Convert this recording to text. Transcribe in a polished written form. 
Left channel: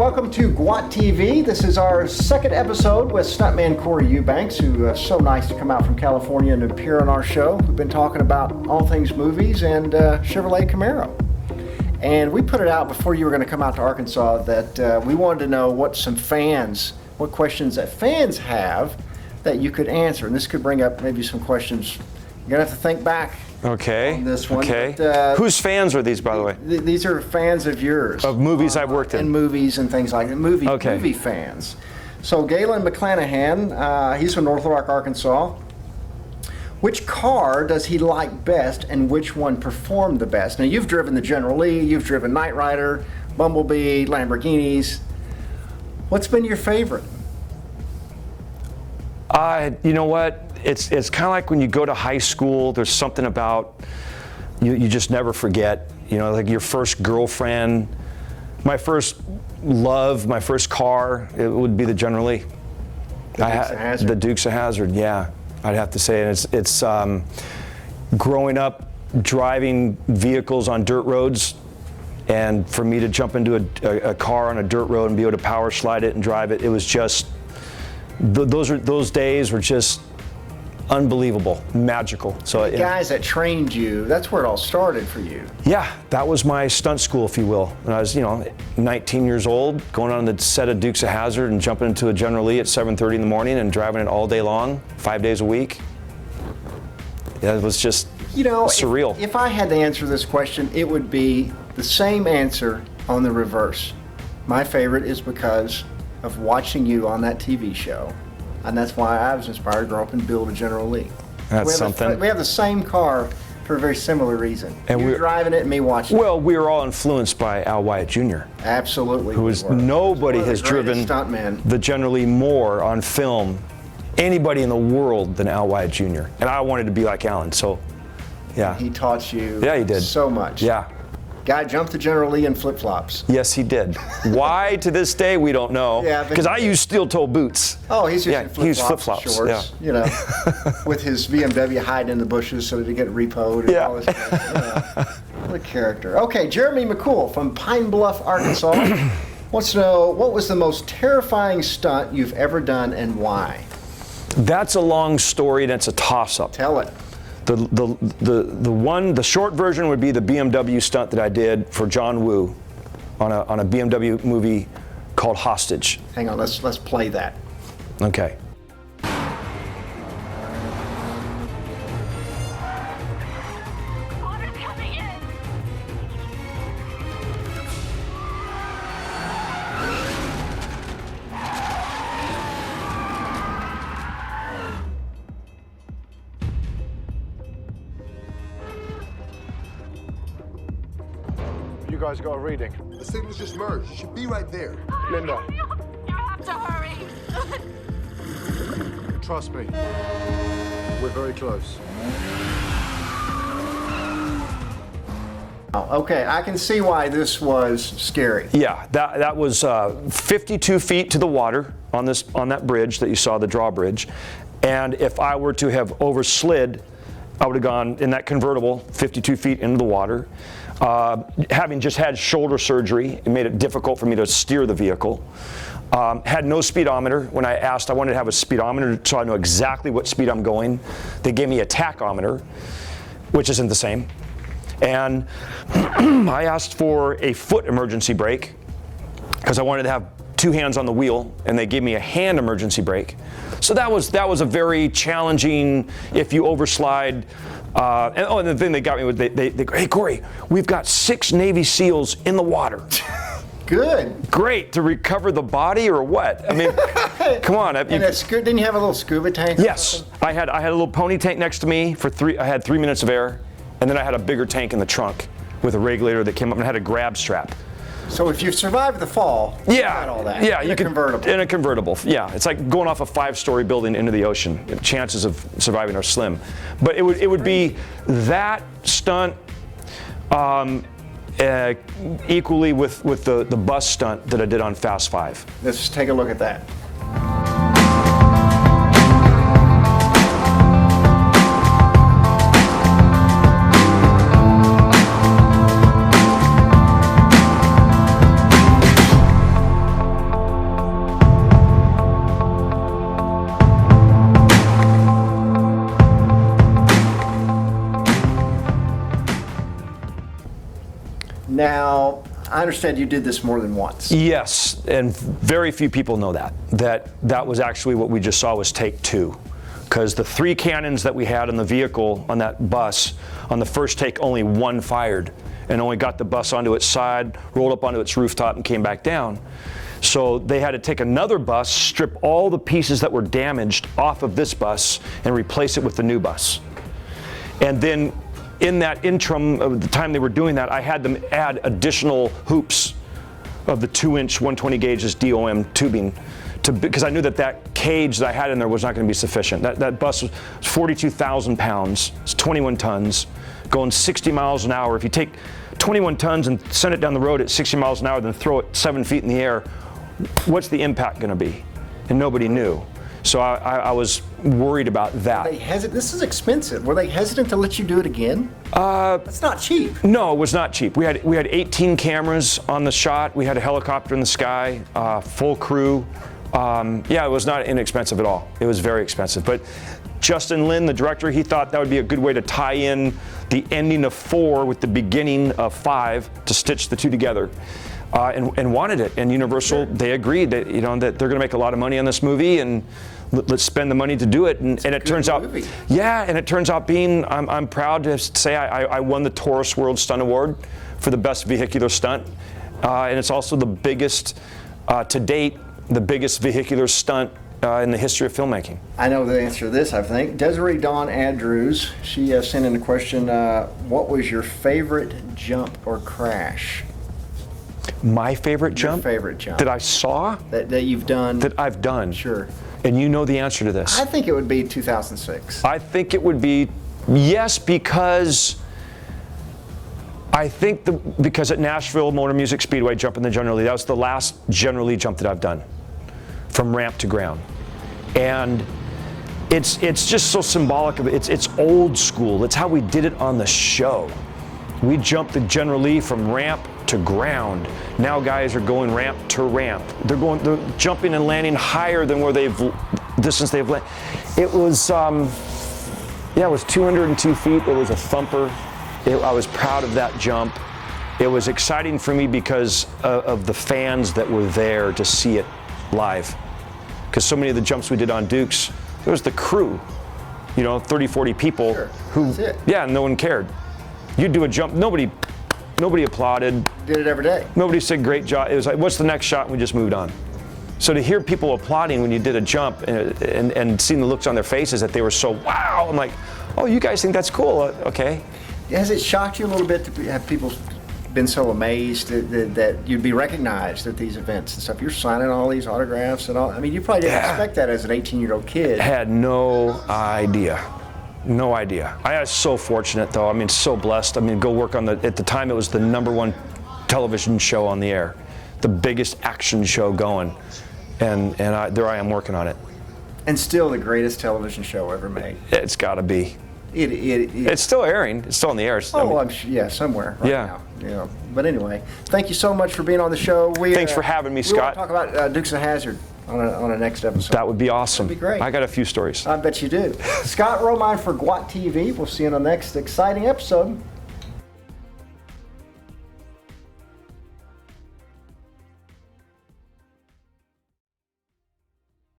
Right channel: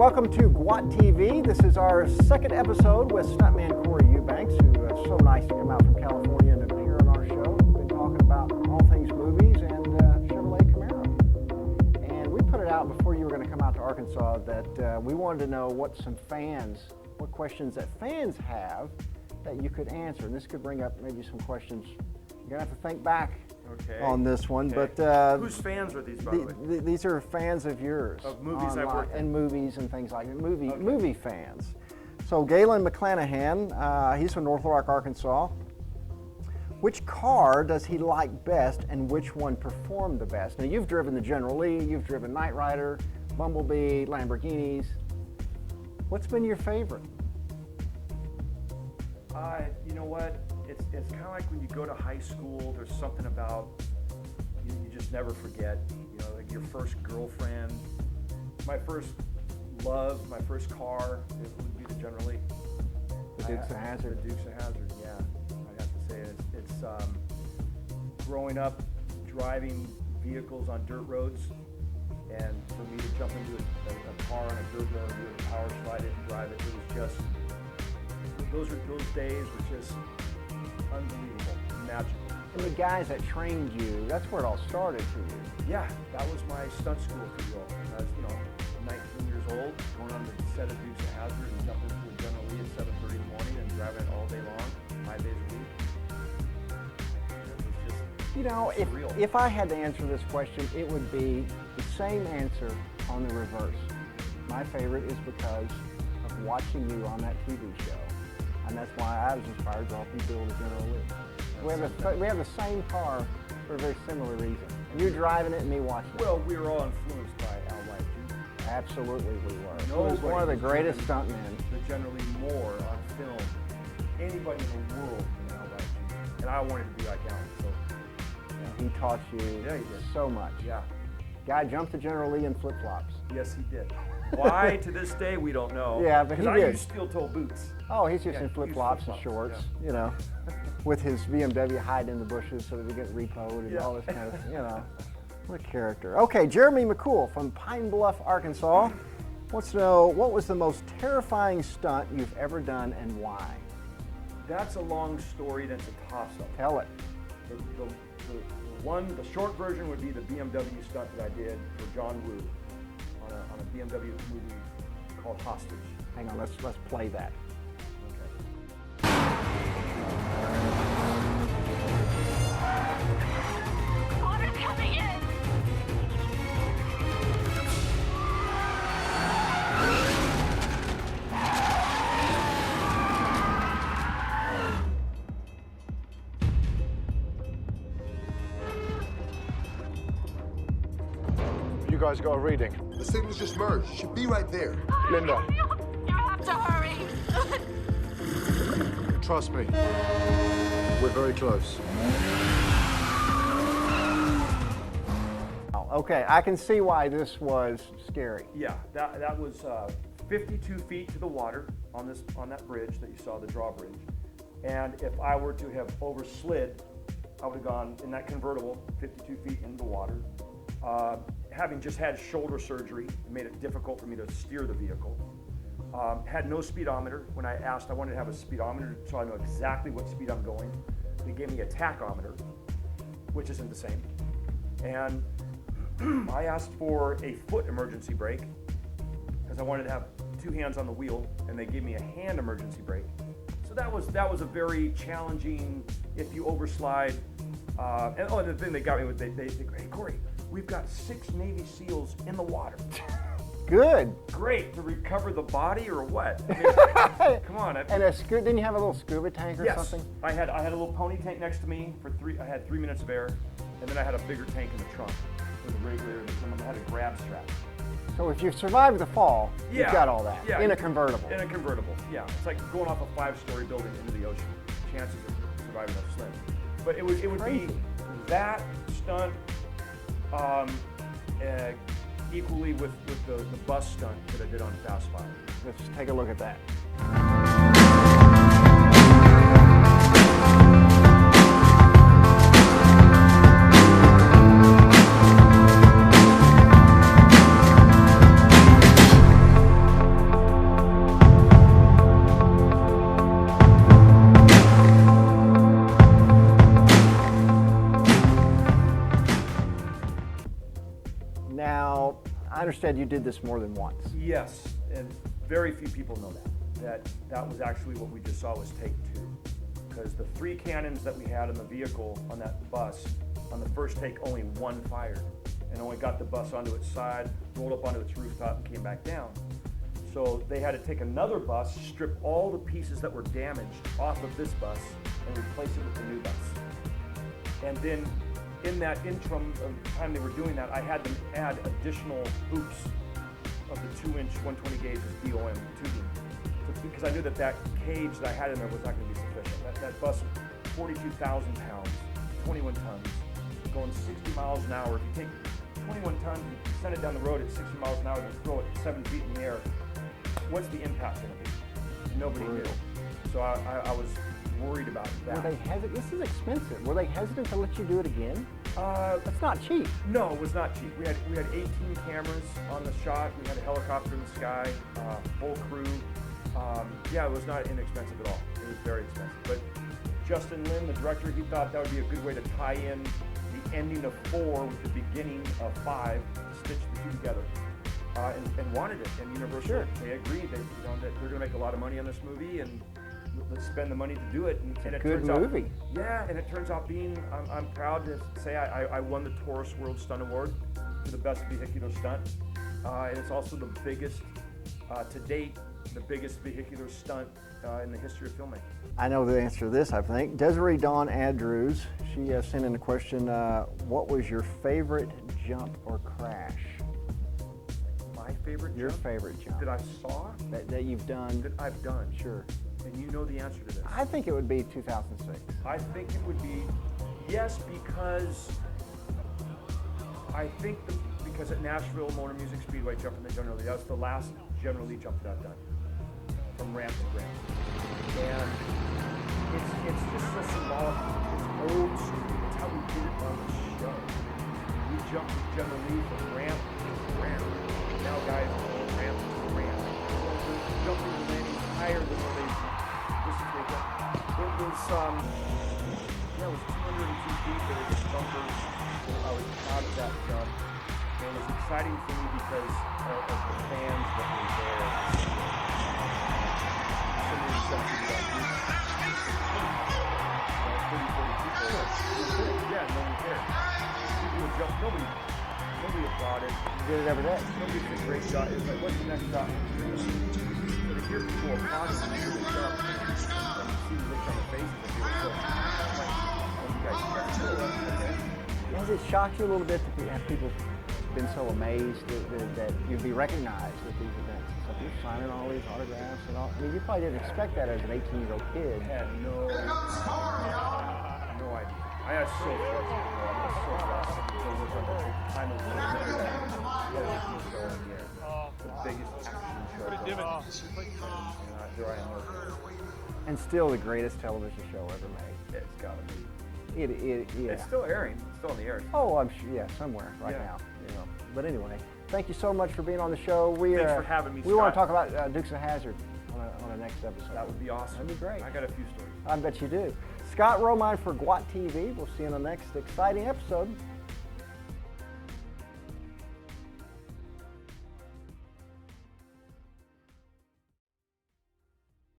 welcome to Gwat TV. This is our second episode with Stuntman Corey Eubanks, who is so nice to come out from California and appear on our show. We've been talking about all things movies and Chevrolet Camaro. And we put it out before you were going to come out to Arkansas that we wanted to know what questions that fans have that you could answer. And this could bring up maybe some questions. You're going to have to think back on this one. Okay. But, whose fans are these, by the way? These are fans of yours. Of movies I've worked in. And movies and things like that. Movie fans. So Galen McClanahan, he's from North Rock, Arkansas. Which car does he like best and which one performed the best? Now you've driven the General Lee, you've driven Knight Rider, Bumblebee, Lamborghinis. What's been your favorite? You know what? It's kind of like when you go to high school, there's something about you just never forget. You know, like your first girlfriend, my first love, my first car, it would be the General Lee. The Dukes of Hazzard, yeah, I'd have to say. And it's growing up driving vehicles on dirt roads, and for me to jump into a car on a dirt road and be able to power slide it and drive it, it was just, those days were just unbelievable, magical. So the guys that trained you, that's where it all started for you. Yeah, that was my stunt school, if you will. When I was, 19 years old, going on the set of Dukes of Hazzard and jumping into a General Lee at 7:30 in the morning and driving it all day long, 5 days a week. Yeah, it was just surreal. If I had to answer this question, it would be the same answer on the reverse. My favorite is because of watching you on that TV show. And that's why I was inspired to grow up and build a General Lee. That's something. We have the same car for a very similar reason. And you're driving it and me watching it. Well, we were all influenced by Al Wyatt Jr. Absolutely. Nobody has driven the General Lee more on film, anybody in the world, than Al Wyatt Jr. And I wanted to be like Alan, so yeah. He taught you he did. So much. Yeah. Guy jumped the General Lee in flip-flops. Yes, he did. Why, to this day, we don't know. Yeah, because I use steel-toe boots. Oh, he's using flip-flops, shorts, with his BMW hiding in the bushes so that he get repoed and all this kind of stuff. What a character. Okay, Jeremy McCool from Pine Bluff, Arkansas wants to know, what was the most terrifying stunt you've ever done and why? That's a long story and it's a toss-up. Tell it. The short version would be the BMW stunt that I did for John Woo on a BMW movie called Hostage. Hang on, let's play that. Okay. Water's coming in. You guys got a reading? The signal's just merged. It should be right there. Linda, You have to hurry. trust me. We're very close. Okay, I can see why this was scary. Yeah, that was 52 feet to the water on that bridge that you saw, the drawbridge. And if I were to have overslid, I would have gone in that convertible 52 feet into the water. Having just had shoulder surgery, it made it difficult for me to steer the vehicle. Had no speedometer. When I asked, I wanted to have a speedometer so I know exactly what speed I'm going. They gave me a tachometer, which isn't the same. And I asked for a foot emergency brake because I wanted to have two hands on the wheel, and they gave me a hand emergency brake. So that was a very challenging, if you overslide. And the thing they got me with, they go, hey Corey, we've got 6 Navy SEALs in the water. Good. Great, to recover the body or what? I mean, come on. And it's good. Didn't you have a little scuba tank? Yes, I had a little pony tank next to me for I had 3 minutes of air, and then I had a bigger tank in the trunk with a regulator that came up and had a grab strap. So if you survive the fall, you got all that. Yeah, in a convertible. In a convertible, yeah. It's like going off a 5-story building into the ocean. The chances of surviving are slim. But it would be that stunt equally with the bus stunt that I did on Fast 5. Let's take a look at that. I understand you did this more than once. Yes, and very few people know that was actually what we just saw was take 2. Because the 3 cannons that we had on the vehicle, on that bus, on the first take, only 1 fired and only got the bus onto its side, rolled up onto its rooftop, and came back down. So they had to take another bus, strip all the pieces that were damaged off of this bus, and replace it with the new bus. And then in that interim of the time they were doing that, I had them add additional hoops of the 2-inch 120 gauges DOM tubing because I knew that cage that I had in there was not going to be sufficient. That bus was 42,000 pounds, it's 21 tons, going 60 miles an hour. If you take 21 tons and send it down the road at 60 miles an hour, then throw it 7 feet in the air, what's the impact going to be? And nobody knew. So I was worried about that. This is expensive. Were they hesitant to let you do it again? It's not cheap. No, it was not cheap. We had 18 cameras on the shot. We had a helicopter in the sky, full crew. Yeah, it was not inexpensive at all. It was very expensive. But Justin Lin, the director, he thought that would be a good way to tie in the ending of 4 with the beginning of 5 to stitch the 2 together. And wanted it, and Universal, they agreed that that they're going to make a lot of money on this movie, and let's spend the money to do it. And it turns out, yeah, and it turns out being, I'm proud to say I won the Taurus World Stunt Award for the best vehicular stunt, and it's also the biggest to date, the biggest vehicular stunt in the history of filmmaking. I know the answer to this, I think. Desiree Dawn Andrews, she sent in a question, what was your favorite jump or crash? My favorite jump? Your favorite jump. That I saw? That you've done? That I've done. Sure. And you know the answer to this. I think it would be 2006. I think it would be, yes, because because at Nashville Motor Music Speedway, jumping the General Lee, that was the last General Lee jump that I've done, from ramp to ground. And it's just so symbolic of it. It's old school. It's how we did it on the show. We jumped the General Lee from ramp to ground. Now guys are going ramp to ramp. They're jumping and landing higher than where distance they've landed. It was, it was 202 feet. It was a thumper. I was proud of that jump. It was exciting for me because of the fans that were there to see it live. Because so many of the jumps we did on Dukes, it was the crew, 30, 40 people no one cared. You'd do a jump, nobody applauded. Did it every day. Nobody said great job. It was like, what's the next shot? And we just moved on. So to hear people applauding when you did a jump and seeing the looks on their faces that they were so, wow, I'm like, oh, you guys think that's cool, okay. Has it shocked you a little bit to have people been so amazed that you'd be recognized at these events and stuff? You're signing all these autographs and all. I mean, you probably didn't expect that as an 18-year-old kid. Had no idea. No idea. I was so fortunate, though. I mean, so blessed. I mean, go work on at the time, it was the #1 television show on the air, the biggest action show going. And there I am working on it. And still the greatest television show ever made. It's got to be. It's still airing. It's still on the air. I'm somewhere right now. But anyway, thank you so much for being on the show. Thanks for having me, Scott. We want to talk about Dukes of Hazzard on a next episode. That would be awesome. That'd be great. I got a few stories. I bet you do. Scott Romine for Gwat TV. We'll see you in the next exciting episode.